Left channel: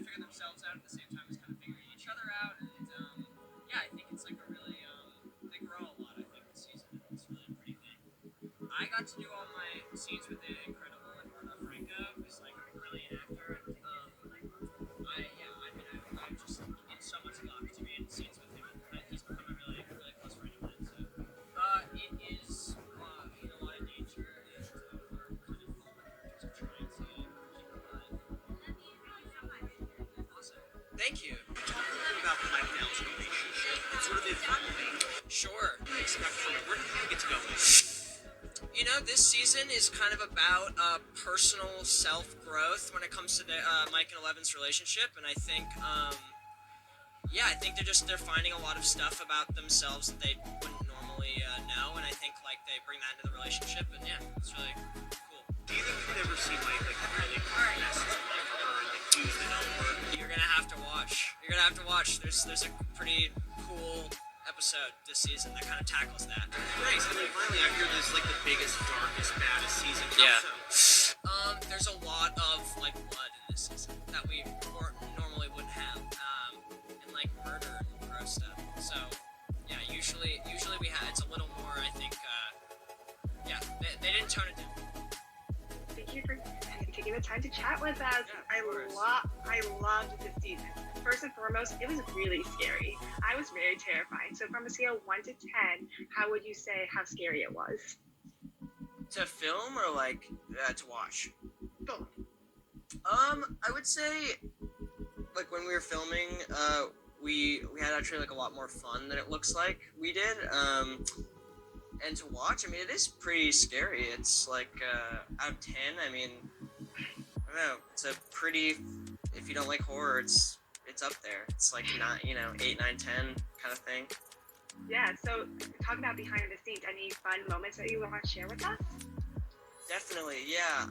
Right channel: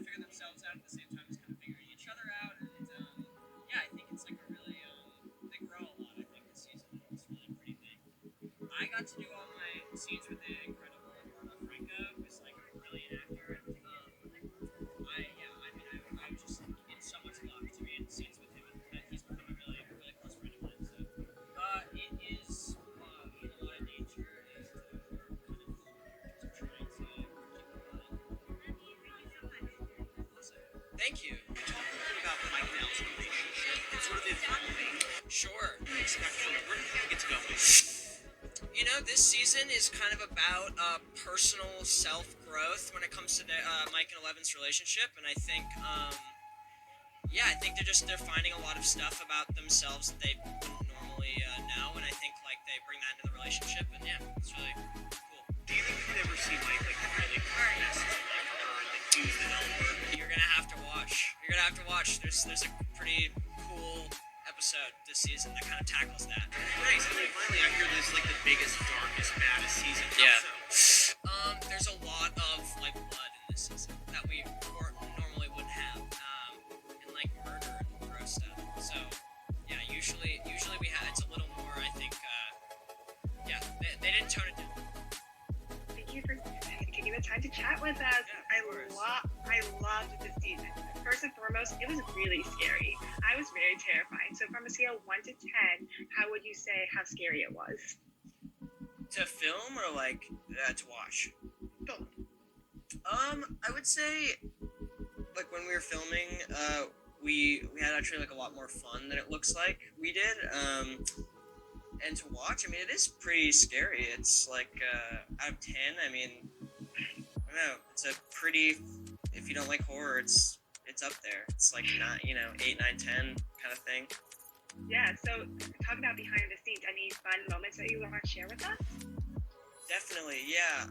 trying to figure themselves out at the same time as kind of figuring each other out. And yeah, I think it's like a really they grow a lot. I think this season, and it's really a pretty thing. I got to do all my scenes with the incredible Eduardo Franco, who's like a brilliant actor. I'm just in so much luck to be in scenes with him, and he's become a really, really close friend of mine. So it is in a lot of danger, and we're kind of characters are trying to keep in mind. Awesome. Thank you. Talk a little bit about Mike and Al's relationship and sort of the evolving. Sure. Expect from it. Where do you get to go? You know, this season is kind of about personal self-growth when it comes to Mike and Eleven's relationship, and I think, I think they're finding a lot of stuff about themselves that they wouldn't normally know, and I think like they bring that into the relationship, and yeah, it's really cool. Do you think we could ever see Mike like really message like her and like do the number? You're gonna have to watch. There's a pretty cool episode this season that kind of tackles that. Nice. And then finally, I hear this like the biggest, darkest, baddest season. Yeah. So? There's a lot of like blood in this season that we normally wouldn't have, and like murder and gross stuff. So yeah, usually we have it's a little more. I think they didn't tone it down. Thank you for taking the time to chat with us. Yeah, I loved this season. First and foremost, it was really scary. I was very terrified. So from a scale of 1 to 10, how would you say how scary it was? To film or like to watch? Both. I would say like when we were filming, we had actually like a lot more fun than it looks like we did. And to watch, I mean, it is pretty scary. It's like out of 10. I mean, I don't know. It's a pretty. If you don't like horror, it's up there. It's like not 8, 9, 10 kind of thing. Yeah. So talking about behind the scenes, any fun moments that you want to share with us? Definitely, yeah.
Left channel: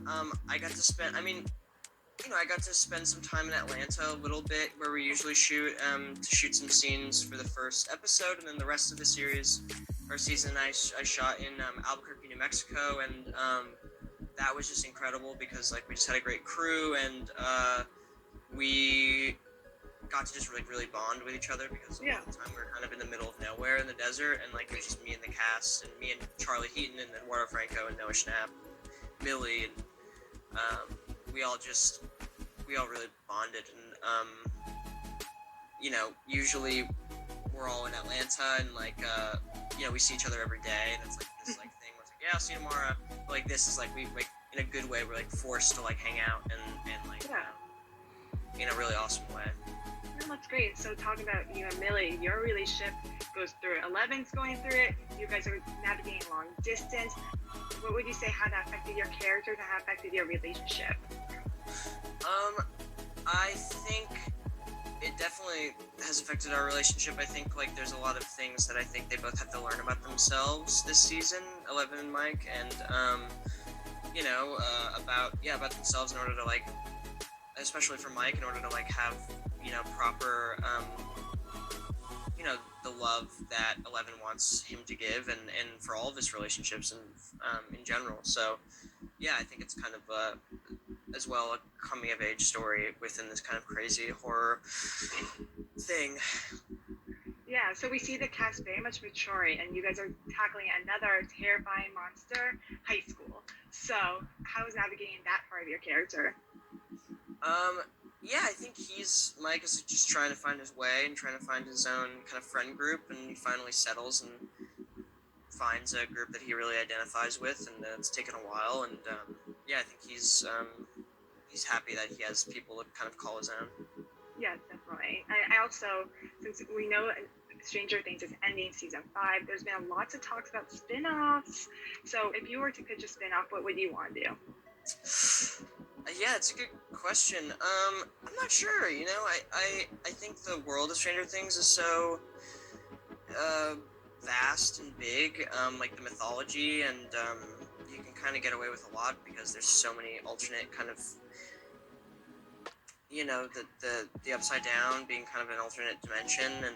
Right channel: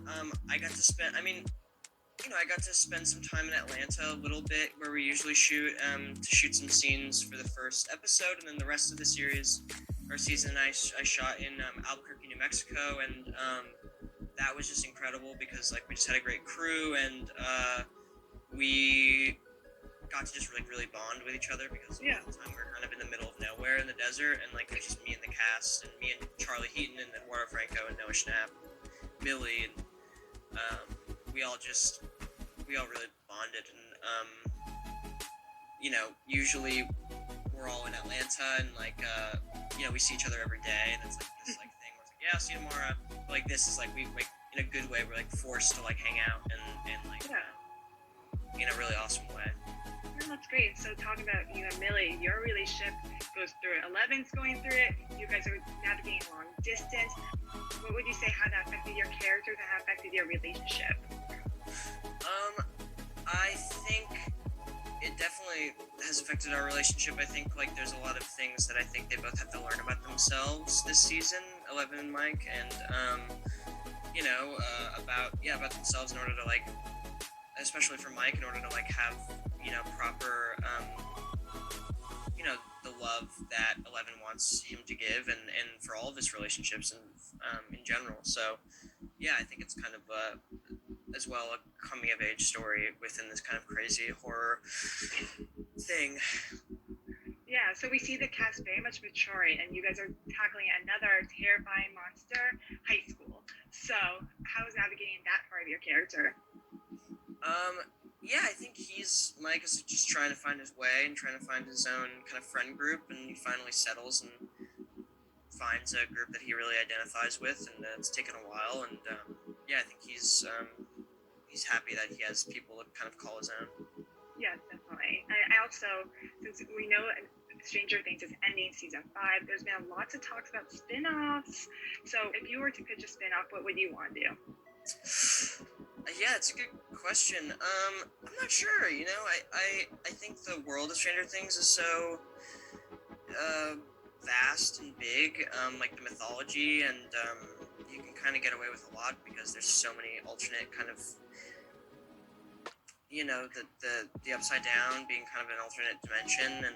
I got to spend. I mean, I got to spend some time in Atlanta a little bit, where we usually shoot to shoot some scenes for the first episode, and then the rest of the series or season I shot in Albuquerque, New Mexico, and that was just incredible because like we just had a great crew, and we got to just really bond with each other because Yeah. at the time we were kind of in the middle of nowhere in the desert, and like it was just me and the cast, and me and Charlie Heaton and Eduardo Franco and Noah Schnapp, Millie, and we all really bonded, and usually we're all in Atlanta, and like we see each other every day, and it's like this like thing where it's like, yeah, I'll see you tomorrow. But like this is like we like in a good way, we're like forced to like hang out and like in a really awesome way. Oh, that's great. So talking about you and Millie, your relationship goes through it. 11's going through it. You guys are navigating long distance. What would you say how that affected your characters and how affected your relationship? I think it definitely has affected our relationship. I think like there's a lot of things that I think they both have to learn about themselves this season, 11 and Mike, and about themselves in order to like, especially for Mike, in order to like have proper the love that 11 wants him to give, and for all of his relationships and in general. So yeah, I think it's kind of as well a coming of age story within this kind of crazy horror thing. Yeah, so we see the cast very much maturing, and you guys are tackling another terrifying monster, high school. So how is navigating that part of your character? Yeah, I think Mike is just trying to find his way and trying to find his own kind of friend group, and he finally settles and finds a group that he really identifies with, and it's taken a while, and I think he's happy that he has people to kind of call his own. Yeah, definitely. I also, since we know Stranger Things is ending season 5, there's been lots of talks about spin-offs. So if you were to pitch a spin-off, what would you want to do? Yeah, it's a good question. I'm not sure. I think the world of Stranger Things is so vast and big. Like the mythology, and you can kind of get away with a lot because there's so many alternate kind of, the upside down being kind of an alternate dimension, and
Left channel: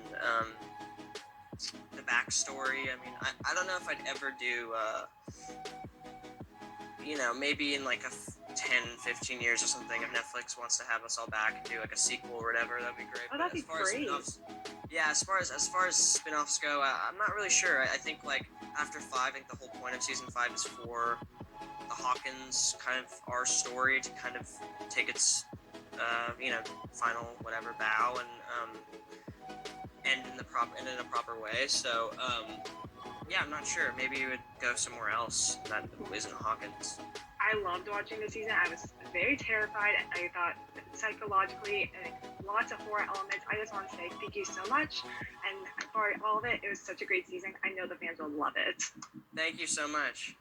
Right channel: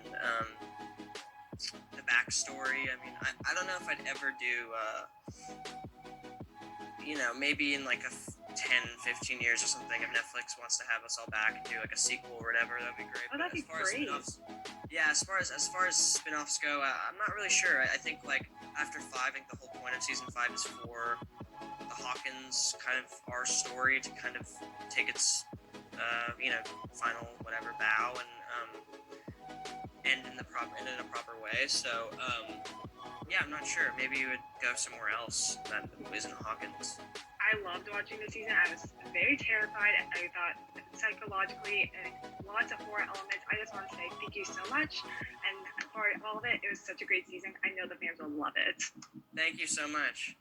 the backstory. I mean, I don't know if I'd ever do, maybe in like 10, 15 years or something, if Netflix wants to have us all back and do like a sequel or whatever, that'd be great. Oh, that'd be great. Yeah, as far as spin-offs go, I'm not really sure. I think like after 5, I think the whole point of season 5 is for the Hawkins kind of our story to kind of take its final whatever bow and end in a proper way. So yeah, I'm not sure. Maybe you would go somewhere else that isn't Hawkins. I loved watching the season. I was very terrified. I thought psychologically and lots of horror elements. I just want to say thank you so much. And for all of it, it was such a great season. I know the fans will love it. Thank you so much.